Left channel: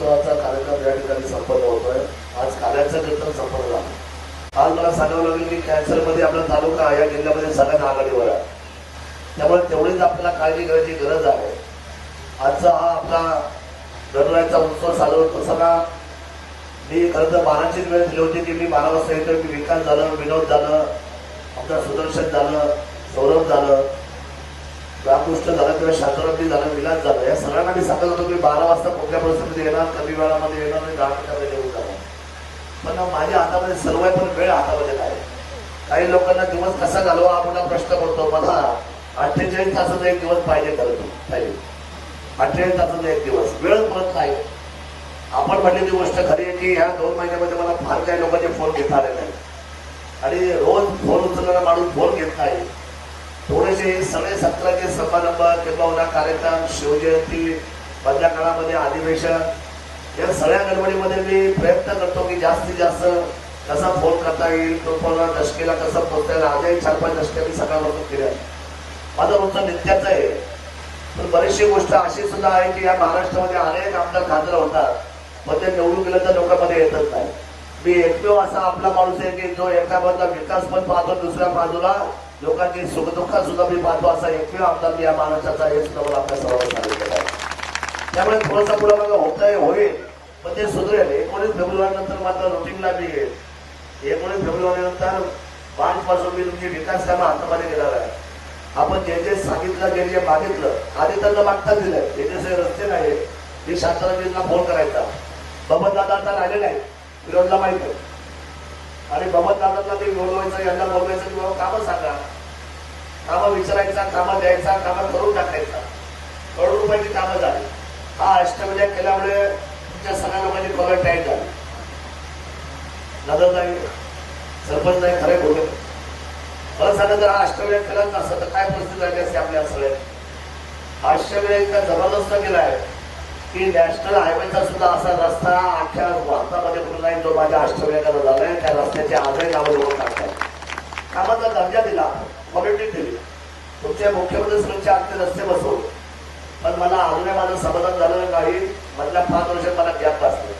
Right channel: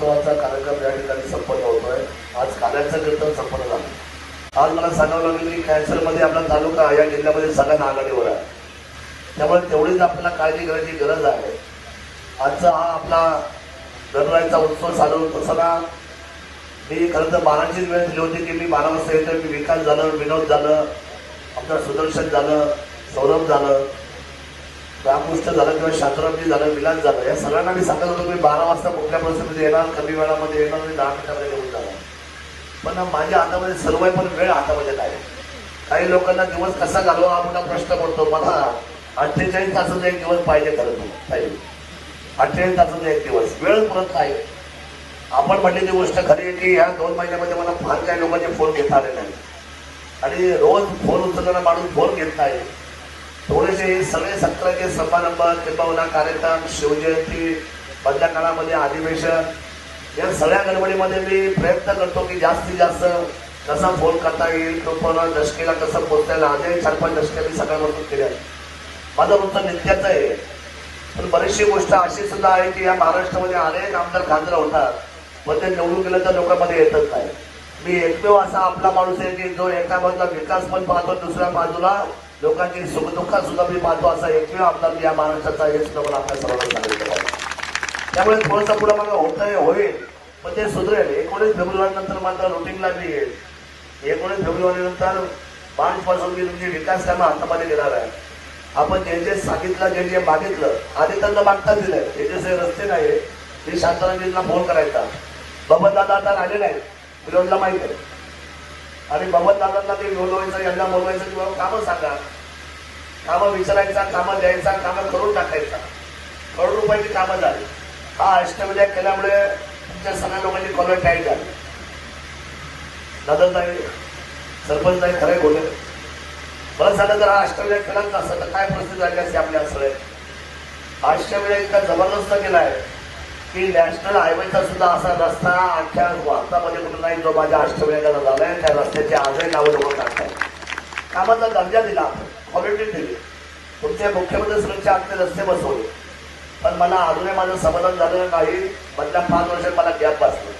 उत्सवाचा कार्यक्रम या ठिकाणी संपन्न आहे. आज कार्याचं कीर्तन संपन्न झाला. आज मला सांगावं लागलं की कॅन्सरमध्ये आपला तालुका या जिल्ह्यामध्ये सगळ्यात आघाडीवर आहे. त्यामुळे तेवढीच आपल्याला काळजी घेण्याची गरज आहे. आजचा हा आपला गणरायाचा उत्सव चालू होत असताना मी खरं तर मानाचीच वेळ दिली होती की मी मानव वाजता मी विकास झालं विनोद झालं आपलं सुदर्शन झालं सौरभ झालं. रामकृष्ण झालं किंवा शांतरामजी झालं विलास झालं या सगळ्यांना मी सांगत होतो मी बारा वाजता कुठल्या परिस्थितीत येणार कमी वेळामध्ये येणार मी दहा मिनिटामध्ये येऊन जाणार. पण माझ्या हातामध्ये सर्व पण वेळ हातामध्ये नाही. काही लोकांना दिवस कसा घालवा आपण प्रश्न पडतो मला अठ्ठेचाळीस तासाचा एक दिवस पाहिजे करतो पाहिजे अठ्ठेचाळीस तासाचा एक दिवस. वेळ परत नाही. आपण म्हणलेली गोष्ट खरी की या दोन महिन्यामध्ये मला फार काही लोकांचे फोन घेता आले नाही. आणि रोज फोन उचलणारा माणूस फोन घेत नाही. थोडेसे सगळे सत्राचे समारंभ किंवा कार्यक्रम शिवजयंती मधल्या काळामध्ये अधिवेशन या सगळ्या गडबडीमध्ये मी प्रयत्न करतो की जास्तीत जास्त कसा फोन करता येईल लोकांना दशकेला कसं पोहोचता येईल आजही चार पाच दशके मी सगळ्या केल्या माझा रोजचं नित्याच आहे. पण बरीचशी गोष्ट अशी सुद्धा आहे की या महाराष्ट्रामध्ये अनेक आमदार खासदार होतात पण ते निवडून गेलं तर लोकांमध्ये येतच नाही. मी एकमेव असा आपला माणूस आहे की जो एका बाजूला विकास पण पाहतो दुसऱ्या बाजूला लोकांची सुखदुःखात सुद्धा मी पाहतो असा एकमेव आमदार मी या महाराष्ट्राचा हे सुद्धा मला आपल्या सर्वांना सांगितलेलं आहे त्यामुळे थोडासा पुढे मला होत आहे होईल. पण ते सुधरेल. एकोणीस फेब्रुवारी नंतर माझं रुटीनला मी येईल एकोणीस फेब्रुवारी नंतर पाच पासून मी तुमची विकास कामं हातामध्ये घेणार आहे. आपण जे जे सांगितलं जे जे मागितलं आधी त्यांना मागताच दिलं जे जे सगळे रस्ते नाही मी शांतराजींना फोन करायचा. बाबा दादा आता आले नाही विरोधला माहीत आहे. आणि बबन दादांना ते बोलवायचं यांना बोलवायचं किंवा कामं सांगा. कामं विचारायचा कामं द्यायचा कामं करून टाकायचा. करोड रुपयाची कामं झाली. हा अष्टविद्या केल्यामुळे तुमच्या सगळ्या लोकांची पगार टाईट झाली. दादा साहेब सरपंच साहेब खरे बोलले. बरं झालं तर हा अष्टविद्या केलाच नसतं तर काय परिस्थिती झाली असते आपल्या सगळे? अष्टविद्या इतका जबरदस्त केला आहे की नॅशनल हायवेचा सुद्धा असा रस्ता माझ्या अष्टविनायकाचा झालाय त्या रस्त्याचे आजही नावं लोक टाकतात कामाचा दर्जा दिला क्वालिटी दिली. तुमचे मुख्यमंत्री सुरक्षा आमचे रस्ते बसवले. पण मला अजूनही माझं समाधान झालेलं नाही मधल्या पाच वर्ष मला गॅप बसले.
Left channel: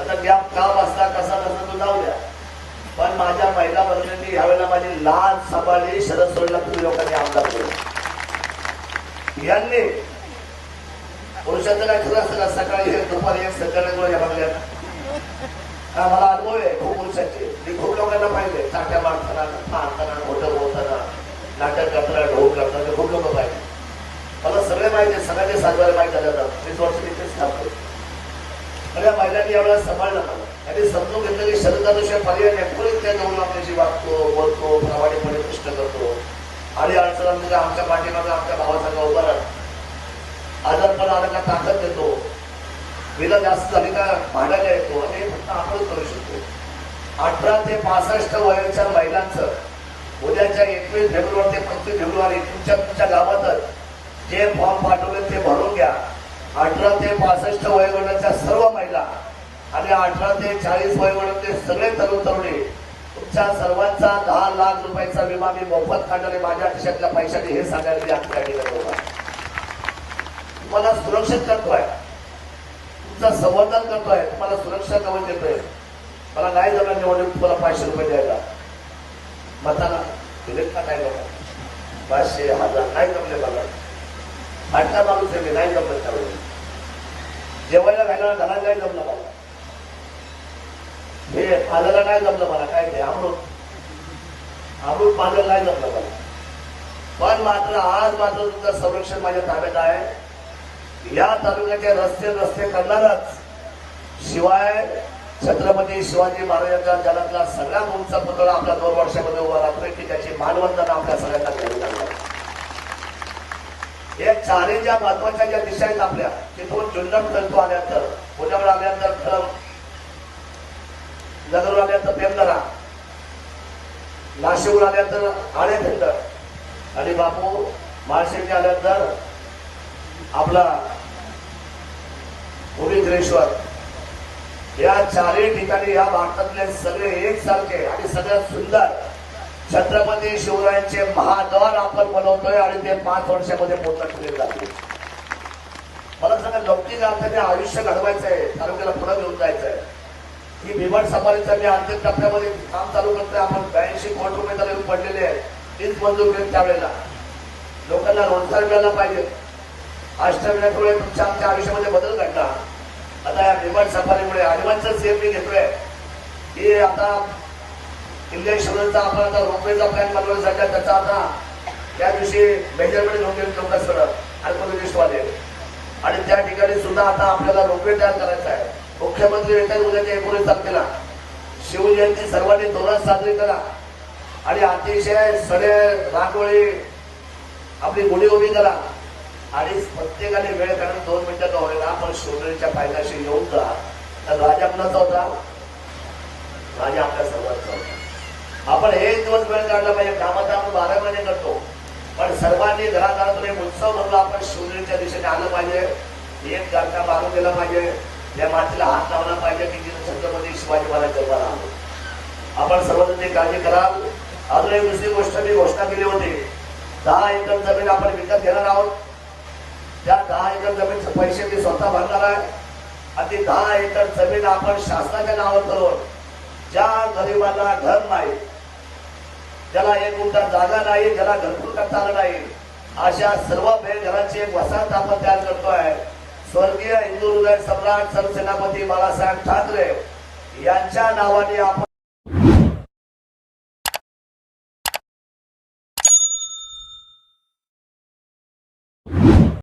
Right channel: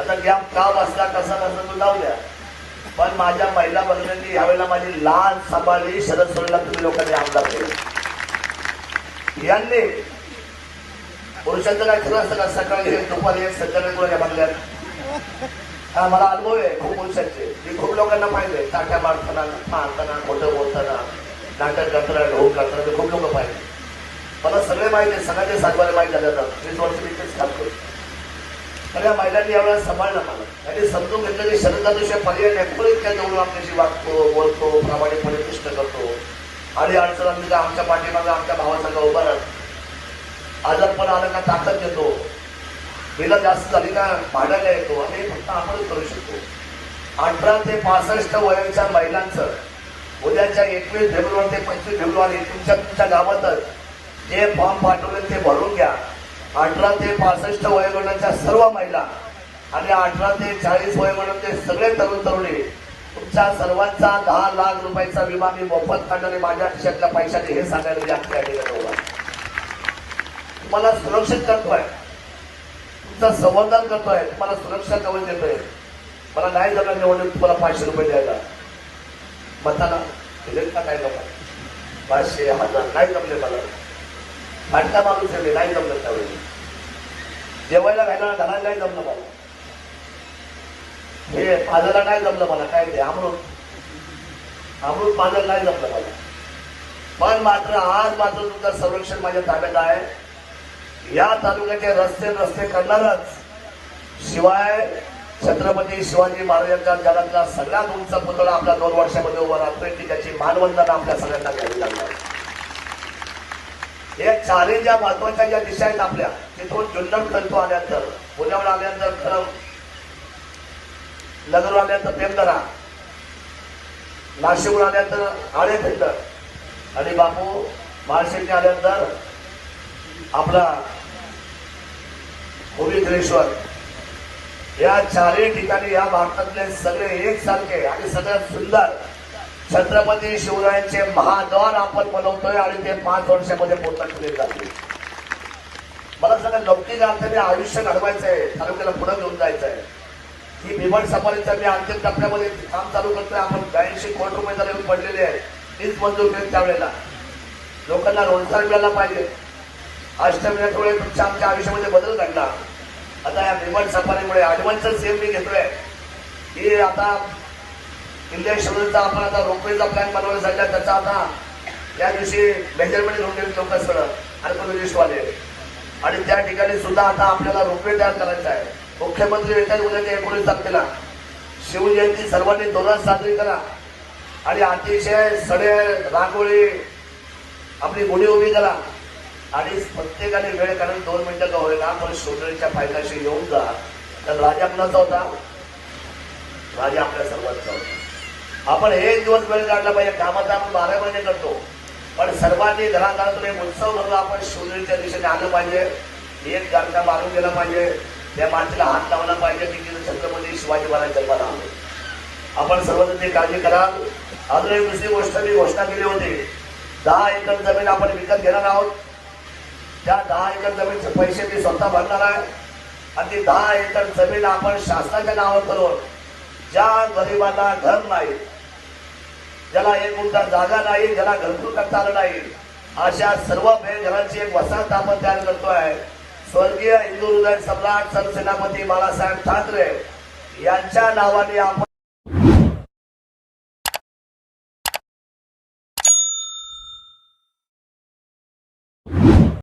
आता गॅप का बसला कसा बसला तो जाऊ द्या. पण माझ्या महिला मंत्र्यांनी यावेळेला माझी लहान सांभाळली शरद सोडला तुम्ही लोकांनी आमदार केले. यांनी पुरुषांचा काय खरं असतं का सकाळी एक दुपारी एक संध्याकाळी या बंगल्यात हा मला अनुभव आहे खूप पुरुषांचे मी खूप लोकांना पाहिजे टाक्या मारताना मारताना मोठं बोलताना नाटक करताना ढोल करताना खूप लोक पाहिजे मला सगळे माहिती आहे सगळ्यांचे माहिती माहीत झाले जातात वीस वर्ष मी तेच काम पण या महिलांनी यावेळेस सांभाळलं मला. त्यांनी समजून घेतलं की शरदाशिवाय पर्याय नाही. कुणीच काय जाऊन आपल्याशी वागतो बोलतो प्रामाणिकपणे पुष्ट करतो. आणि अडचणांमध्ये आमच्या पाठीमागं आमच्या भावाचा उभा राहतो आजारपणा आला का ताकद देतो. हिला जास्त झाली भाड्याला येतो. आणि हे फक्त आपण करू शकतो. अठरा ते पासष्ट वयाच्या महिलांचं उद्याच्या एकवीस फेब्रुवारी ते पंचवीस फेब्रुवारी तुमच्या तुमच्या गावातच जे फॉर्म पाठवले ते भरून घ्या. अठरा ते पासष्ट वयोगटाच्या सर्व महिला आणि अठरा ते चाळीस वयोगटातले सगळे तरुण तरुणी तुमच्या सर्वांचा दहा लाख रुपयाचा विमा मी मोफत काढणारे माझ्या खिशातल्या पैशाने हे सांगायला मी आपल्या तुम्हाला सुरक्षित करतोय. तुमचं संवर्धन करतोय. तुम्हाला सुरक्षा कवच देतोय. मला नाही झालं निवडणूक तुम्हाला पाचशे रुपये द्यायला. मताना इलेक्टला काय करणार? पाचशे हजार नाही जमले मला. फाटका माणूस आहे मी नाही जमलं त्यावेळी. जेवायला घालायला धना नाही जमलं मला. हे पाजायला नाही जमलं मला. काय ते अमृत? अमृत पाजायला नाही जमलं मला. पण मात्र आज मात्र तुमचं संरक्षण माझ्या ताब्यात आहे. या तालुक्याचे रस्ते रस्ते करणारच शिवाय छत्रपती शिवाजी महाराजांच्या जगातला सगळ्यात उंचा पुतळा आपल्या दोन वर्षामध्ये उभा राहतोय की त्याची मानवंदना आपल्या सगळ्यांना घ्यावी लागणार आहे. या ज्या महत्त्वाच्या ज्या दिशा आहेत आपल्या तिथून जुन्नर तंतू आल्यानंतर पुण्यावर आल्यानंतर खरं नगर आल्यानंतर पेमदरा नाशिकवर आल्यानंतर आळे खंड आणि बापू महाशेचे आल्यानंतर आपला भूमिश्वर या चारही ठिकाणी या भारतातले सगळे एक सारखे आणि सगळ्यात सुंदर छत्रपती शिवरायांचे महाद्वार आपण बनवतोय आणि ते पाच वर्षामध्ये पूर्ण केले जाते मला सांगा लौकिक अर्थाने आयुष्य घडवायचं आहे तालुक्याला पुढे घेऊन जायचं आहे ही भिवंड सफारीचं मी अंतिम टप्प्यामध्ये काम चालू करतोय. आपण ब्याऐंशी कोटी रुपये त्याला येऊन पडलेले आहे तीच मंजूर केली त्यावेळेला. लोकांना रोजगार मिळाला पाहिजे. अष्टविनायकमुळे तुमच्या आमच्या आयुष्यामध्ये बदल घडला. आता या निर्माण सफारीमुळे हनुमानचं सेम मी घेतोय की आता इंडियन शुगरचा आपण आता रोपवेचा प्लॅन बनवण्यासाठी त्याचा आता त्या दिवशी मेजरमेंट घेऊन गेले लोक सगळं आणि त्या ठिकाणी सुद्धा आता आपल्याला रोपवे तयार करायचा आहे. मुख्यमंत्री येतात उद्याच्या एकोणीस तारखेला. शिवजयंती सर्वांनी जोरात साजरी करा. आणि अतिशय सडे रांगोळी आपली गुढी उभी करा. आणि प्रत्येकाने वेळ काढून दोन मिनिटं का होईना आपण शिवजयंतीच्या फायद्याशी येऊन जा. तर राजा कुणाचा होता? राजा आपल्या सर्वांचा होता. आपण एक दिवस वेळ काढला पाहिजे. कामात आपण बारा महिने करतो. पण सर्वांनी घराघरातून एक उत्सव म्हणून आपण शिवजयंतीच्या दिशेने आलं पाहिजे. एक कार्यक्रम मारून गेला पाहिजे. त्या मातीला हात लावला पाहिजे. की जिथे छत्रपती शिवाजी महाराज जन्माला आले. आपण सर्वांनी काळजी कराल. अजून एक दुसरी गोष्ट मी घोषणा केली होती. दहा एकर जमीन आपण विकत घेणार आहोत. त्या दहा एकर जमीनचे पैसे मी स्वतः भरणार आहे. आणि ती दहा एकर जमीन आपण शासनाच्या नावावर करून ज्या गरिबाला घर नाही ज्याला एक गुंठा जागा नाही ज्याला घरकुल करता आलं नाही अशा सर्व घराची वसाहत आपण तयार करतोय. स्वर्गीय हिंदू हृदय सम्राट सरसेनापती बाळासाहेब ठाकरे यांच्या नावाने आपण